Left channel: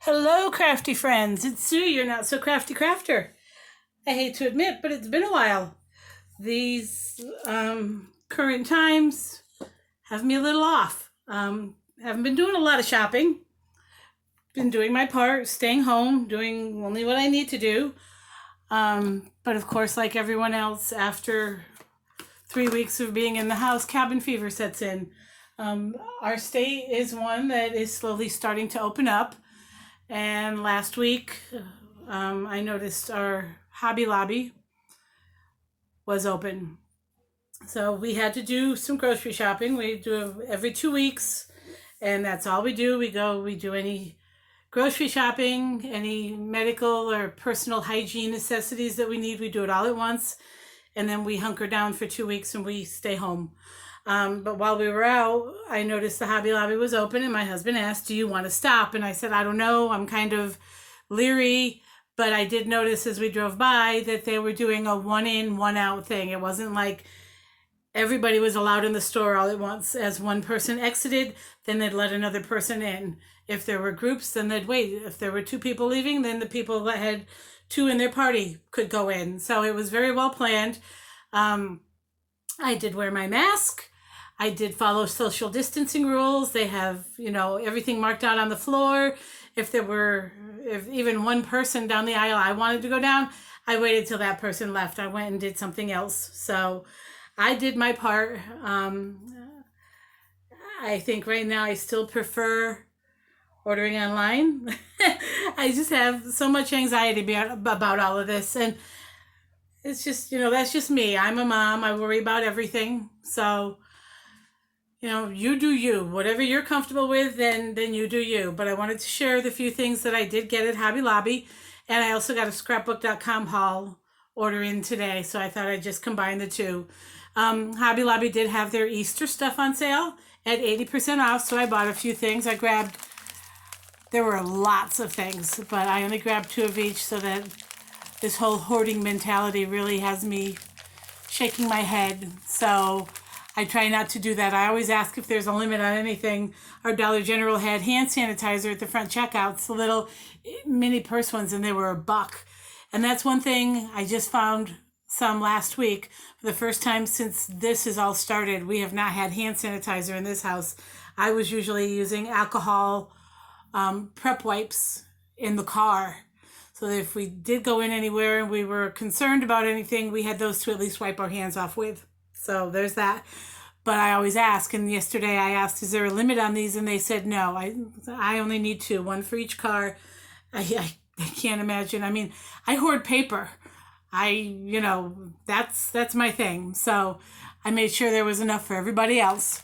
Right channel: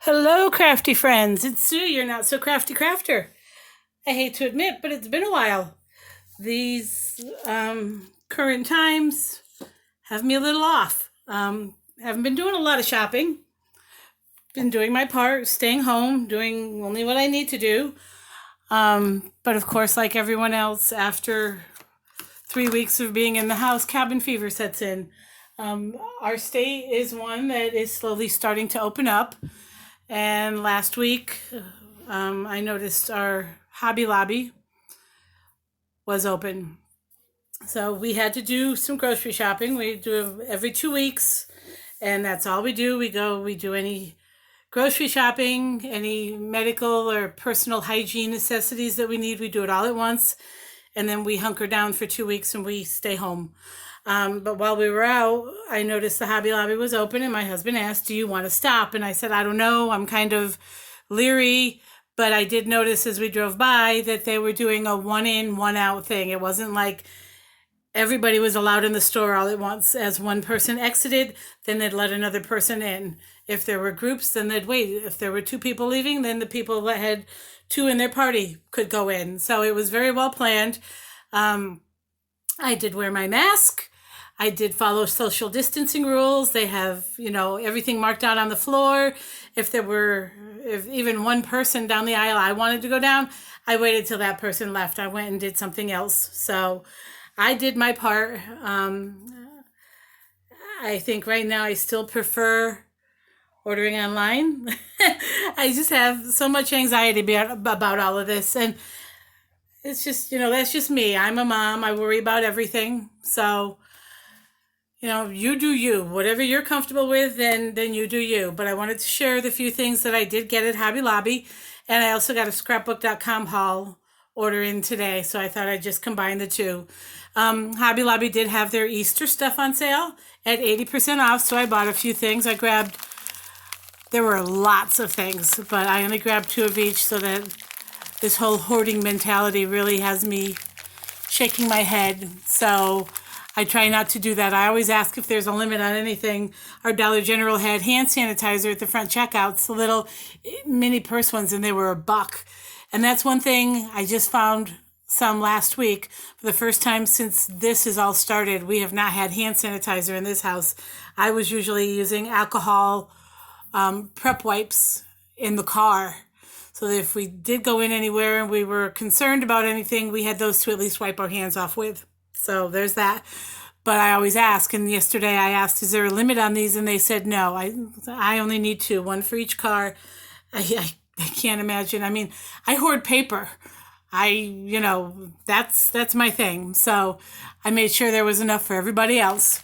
Hello, crafty friends. It's Sue, your not so crafty crafter. I hate to admit, but it's been a while. These current times have me a little off. Haven't been doing a lot of shopping. Been doing my part, staying home, doing only what I need to do. But of course, like everyone else, after 3 weeks of being in the house, cabin fever sets in. Our state is one that is slowly starting to open up. And last week, I noticed our Hobby Lobby was open. So we had to do some grocery shopping. We do it every 2 weeks, and that's all we do. We do any grocery shopping, any medical or personal hygiene necessities that we need. We do it all at once, and then we hunker down for 2 weeks and we stay home. But while we were out, I noticed the Hobby Lobby was open, and my husband asked, "Do you want to stop?" And I said, "I don't know. I'm kind of leery." But I did notice as we drove by that they were doing a one in, one out thing. It wasn't like everybody was allowed in the store all at once. As one person exited, then they'd let another person in. If there were groups, then they'd wait. If there were two people leaving, then the people that had two in their party could go in. So it was very well planned. Um, I did wear my mask. I did follow social distancing rules. They have, everything marked out on the floor. If even one person down the aisle I wanted to go down, I waited till that person left. I went and did something else. So I did my part. I think right now I still prefer ordering online. I just have so much anxiety about all of this. And it's just, that's just me. I'm a mom. I worry about everything. So you do you. Whatever you're comfortable with, then you do you. But I wanted to share the few things that I did get at Hobby Lobby. And I also got a Scrapbookcom haul order in today. So I thought I'd just combine the two. Hobby Lobby did have their Easter stuff on sale at 80% off. So I bought a few things. There were lots of things, but I only grabbed two of each so that this whole hoarding mentality really has me shaking my head. So I try not to do that. I always ask if there's a limit on anything. Our Dollar General had hand sanitizer at the front checkouts, the little mini purse ones, and they were $1. And that's one thing I just found some last week. For the first time since this has all started, we have not had hand sanitizer in this house. I was usually using alcohol prep wipes in the car. So that if we did go in anywhere and we were concerned about anything, we had those to at least wipe our hands off with. So there's that. But I always ask, and yesterday I asked, is there a limit on these? And they said no. I only need two, one for each car. I can't imagine. I mean, I hoard paper. That's my thing. So I made sure there was enough for everybody else.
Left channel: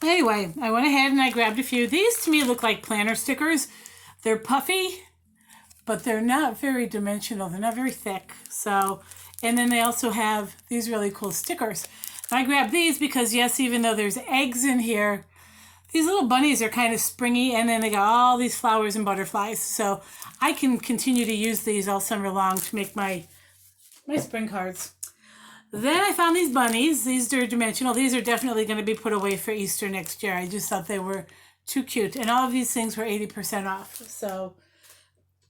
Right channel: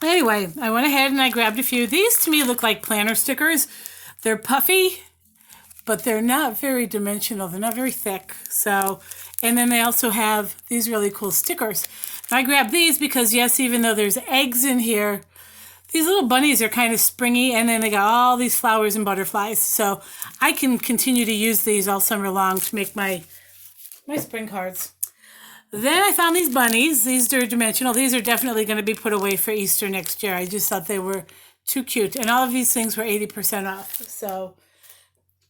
Anyway, I went ahead and I grabbed a few. These to me look like planner stickers. They're puffy, but they're not very dimensional. They're not very thick. So, and then they also have these really cool stickers. I grabbed these because, yes, even though there's eggs in here, these little bunnies are kind of springy, and then they got all these flowers and butterflies. So I can continue to use these all summer long to make my spring cards. Then I found these bunnies. These are dimensional. These are definitely going to be put away for Easter next year. I just thought they were too cute. And all of these things were 80% off. So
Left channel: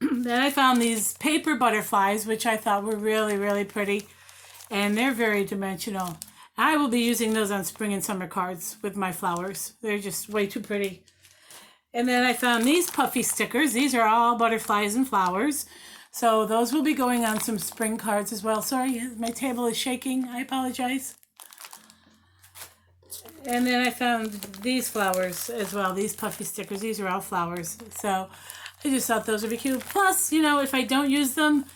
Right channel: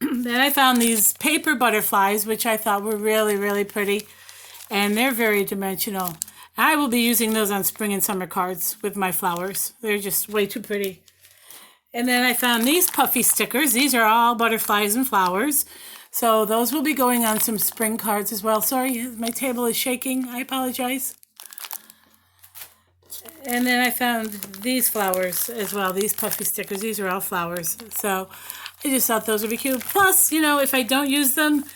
then I found these paper butterflies, which I thought were really, really pretty. And they're very dimensional. I will be using those on spring and summer cards with my flowers. They're just way too pretty. And then I found these puffy stickers. These are all butterflies and flowers. So those will be going on some spring cards as well. Sorry, my table is shaking. I apologize. And then I found these flowers as well. These puffy stickers. These are all flowers. So I just thought those would be cute. Plus, if I don't use them,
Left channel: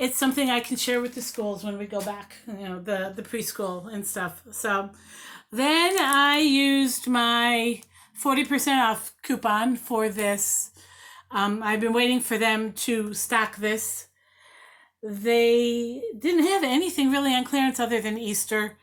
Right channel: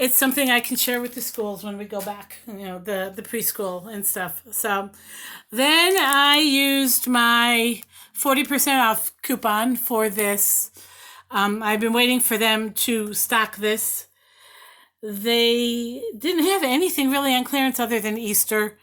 it's something I can share with the schools when we go back, the preschool and stuff. So then I used my 40% off coupon for this. I've been waiting for them to stock this. They didn't have anything really on clearance other than Easter.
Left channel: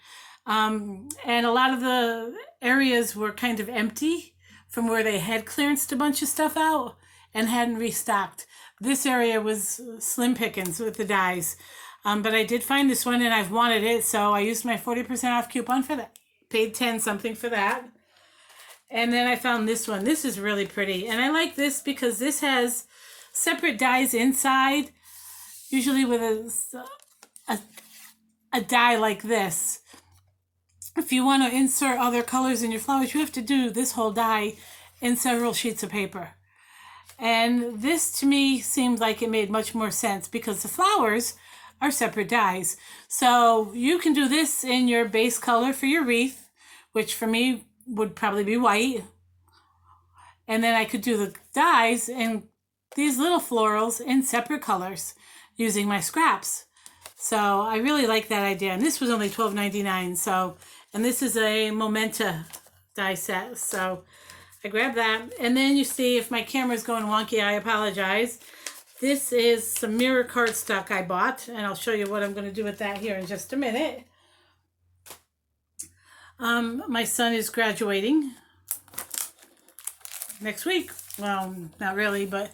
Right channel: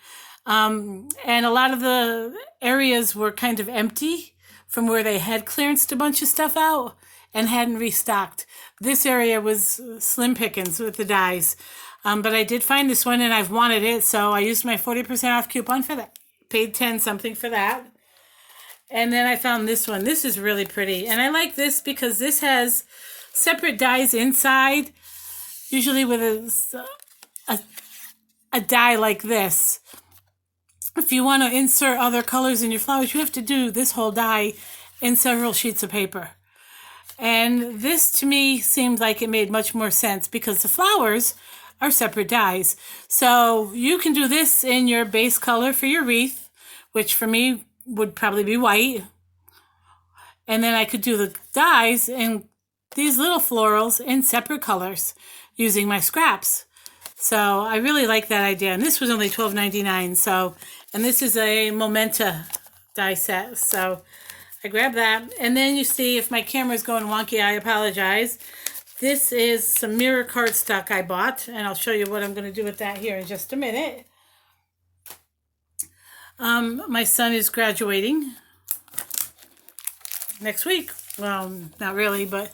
And a lot of the areas were kind of empty from where they had clearanced a bunch of stuff out and hadn't restocked. This area was slim pickings with the dies. But I did find this one and I've wanted it, so I used my 40% off coupon for that. Paid 10 something for that. And then I found this one. This is really pretty. And I like this because this has separate dies inside, usually with a die like this. If you want to insert other colors in your flowers, you have to do this whole die in several sheets of paper. And this to me seemed like it made much more sense because the flowers are separate dies. So you can do this in your base color for your wreath, which for me would probably be white. And then I could do the dies in these little florals in separate colors using my scraps. So I really like that idea. And this was only $12.99. So, and this is a Momenta die set. So I grabbed that. And then you see, if my camera's going wonky, I apologize. This is some mirror cardstock I bought. And I'll show you what I'm going to do with that here in just a minute. My son is graduating next week. Well, not really, but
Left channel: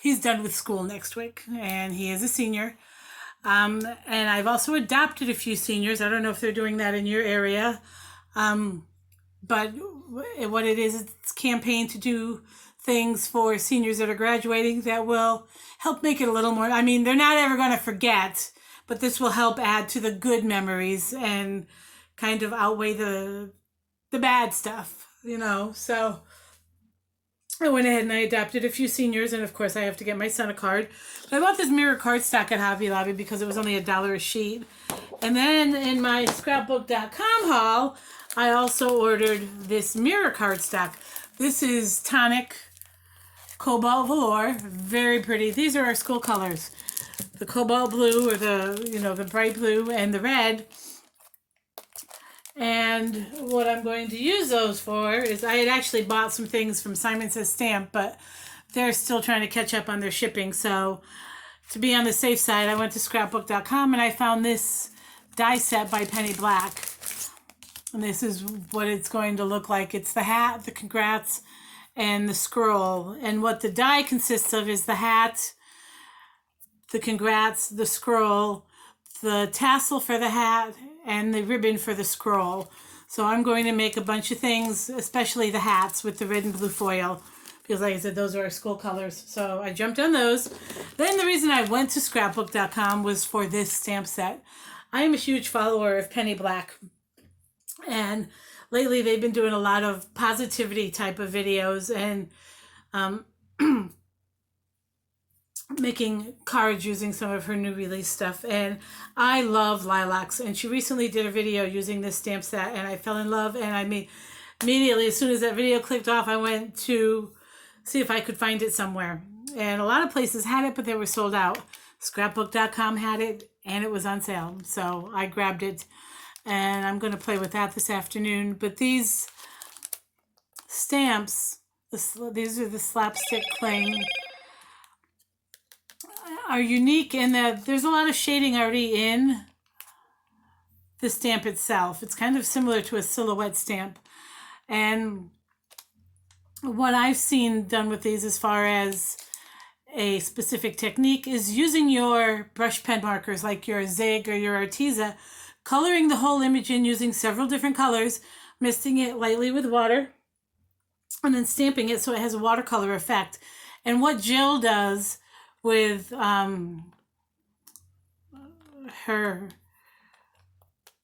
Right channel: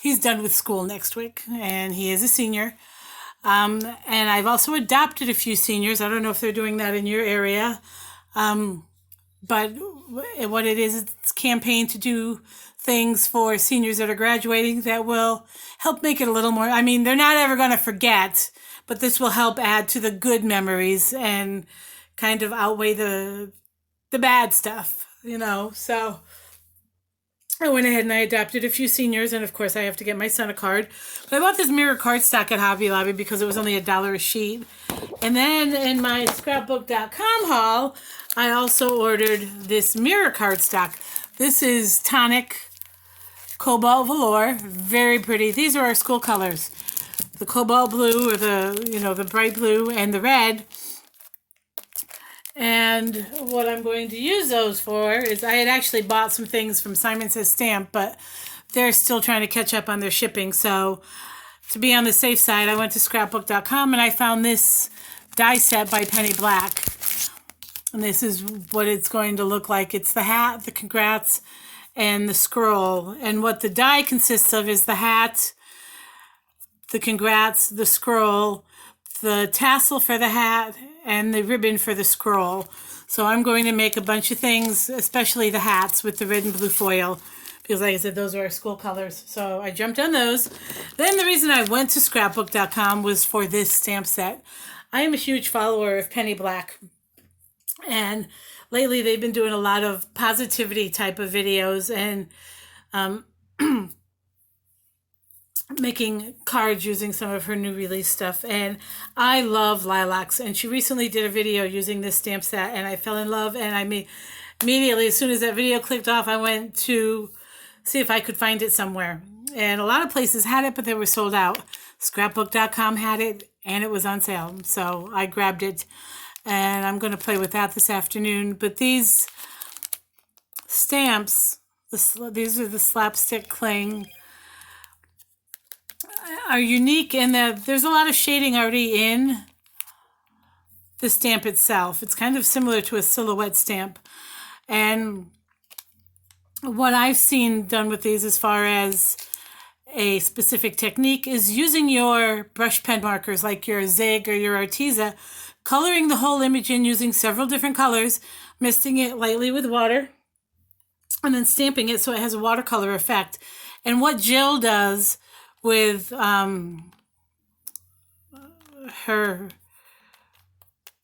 he's done with school next week, and he is a senior. And I've also adopted a few seniors. I don't know if they're doing that in your area, but what it is, it's a campaign to do things for seniors that are graduating that will help make it a little more. I mean, they're not ever going to forget, but this will help add to the good memories and kind of outweigh the bad stuff, you know. So I went ahead and I adopted a few seniors, and of course I have to get my son a card. But I bought this mirror cardstock at Hobby Lobby because it was only $1 a sheet. And then in my Scrapbook.com haul, I also ordered this mirror cardstock. This is Tonic Cobalt Velour, very pretty. These are our school colors: the cobalt blue, or the bright blue, and the red. And what I'm going to use those for is, I had actually bought some things from Simon Says Stamp, but they're still trying to catch up on their shipping. So to be on the safe side, I went to Scrapbook.com and I found this die set by Penny Black. And this is what it's going to look like. It's the hat, the congrats, and the scroll. And what the die consists of is the hat, the congrats, the scroll, the tassel for the hat, and the ribbon for the scroll. So I'm going to make a bunch of things, especially the hats with the red and blue foil, because like I said, those are our school colors. So I jumped on those. Then the reason I went to Scrapbook.com was for this stamp set. I am a huge follower of Penny Black, and lately they've been doing a lot of positivity type of videos and making cards using some of her new release stuff. And I love lilacs, and she recently did a video using this stamp set, and I fell in love. And I mean, immediately as soon as that video clicked off, I went to see if I could find it somewhere, and a lot of places had it, but they were sold out. Scrapbook.com had it, and it was on sale, so I grabbed it, and I'm going to play with that this afternoon. But these stamps, these are the slapstick cling, are unique in that there's a lot of shading already in the stamp itself. It's kind of similar to a silhouette stamp. And what I've seen done with these as far as a specific technique is using your brush pen markers like your Zig or your Arteza, coloring the whole image in using several different colors, misting it lightly with water, and then stamping it so it has a watercolor effect. And what Jill does with her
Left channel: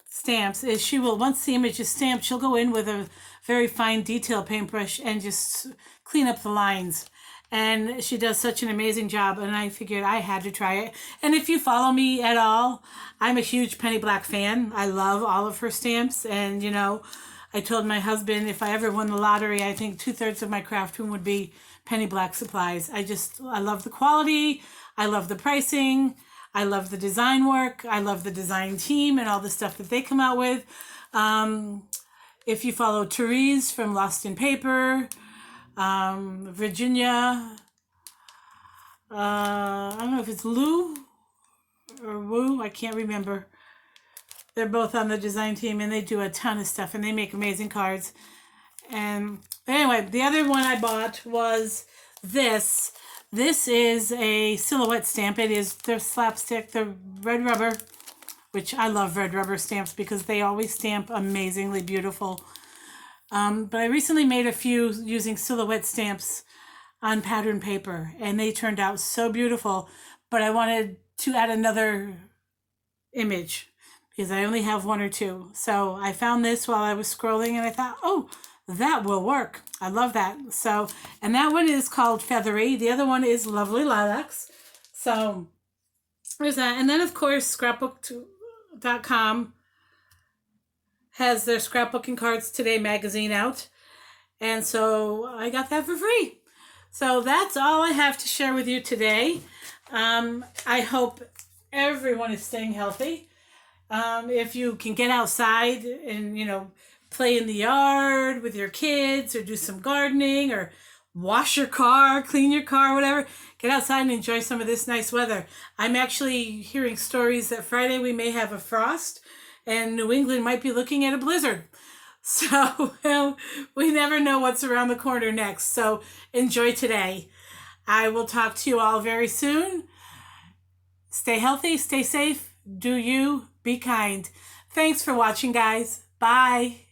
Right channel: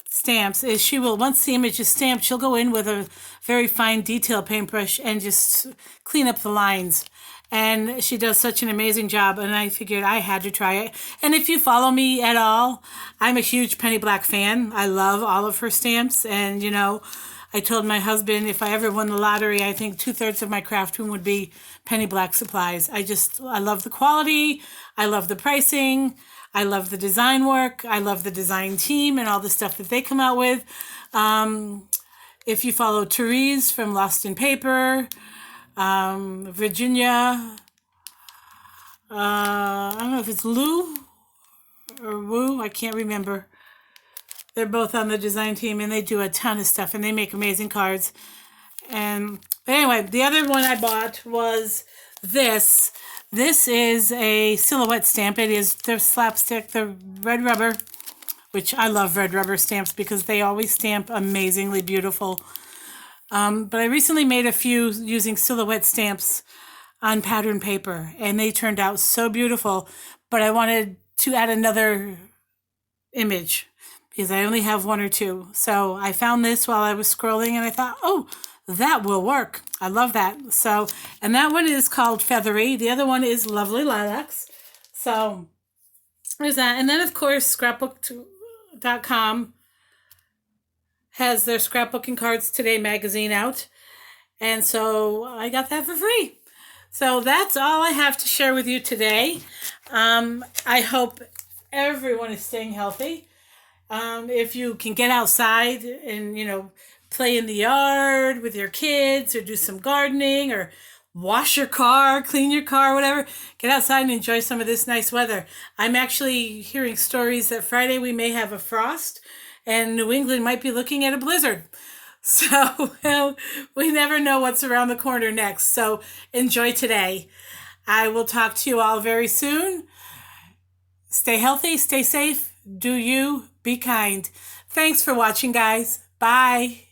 stamps is she will, once the image is stamped, she'll go in with a very fine detail paintbrush and just clean up the lines. And she does such an amazing job, and I figured I had to try it. And if you follow me at all, I'm a huge Penny Black fan. I love all of her stamps, and you know, I told my husband if I ever won the lottery, I think 2/3 of my craft room would be Penny Black supplies. I love the quality. I love the pricing. I love the design work. I love the design team and all the stuff that they come out with. If you follow Therese from Lost in Paper, Virginia, I don't know if it's Lou or Woo, I can't remember. They're both on the design team, and they do a ton of stuff, and they make amazing cards. And but anyway, the other one I bought was this. This is a silhouette stamp. It is the slapstick, the red rubber, which I love red rubber stamps because they always stamp amazingly beautiful. But I recently made a few using silhouette stamps on pattern paper, and they turned out so beautiful. But I wanted to add another image because I only have one or two. So I found this while I was scrolling, and I thought, oh, that will work. I love that. So, and that one is called Feathery. The other one is Lovely Lilacs. So there's that. And then, of course, Scrapbookcom has their Scrapbooking Cards Today magazine out. And so I got that for free. So that's all I have to share with you today. I hope everyone is staying healthy. If you can get outside and, play in the yard with your kids or do some gardening or wash your car, clean your car, whatever, get outside and enjoy some of this nice weather. I'm actually hearing stories that Friday we may have a frost and New England might be looking at a blizzard. So we never know what's around the corner next. So enjoy today. I will talk to you all very soon. Stay healthy, stay safe, do you, be kind. Thanks for watching, guys. Bye.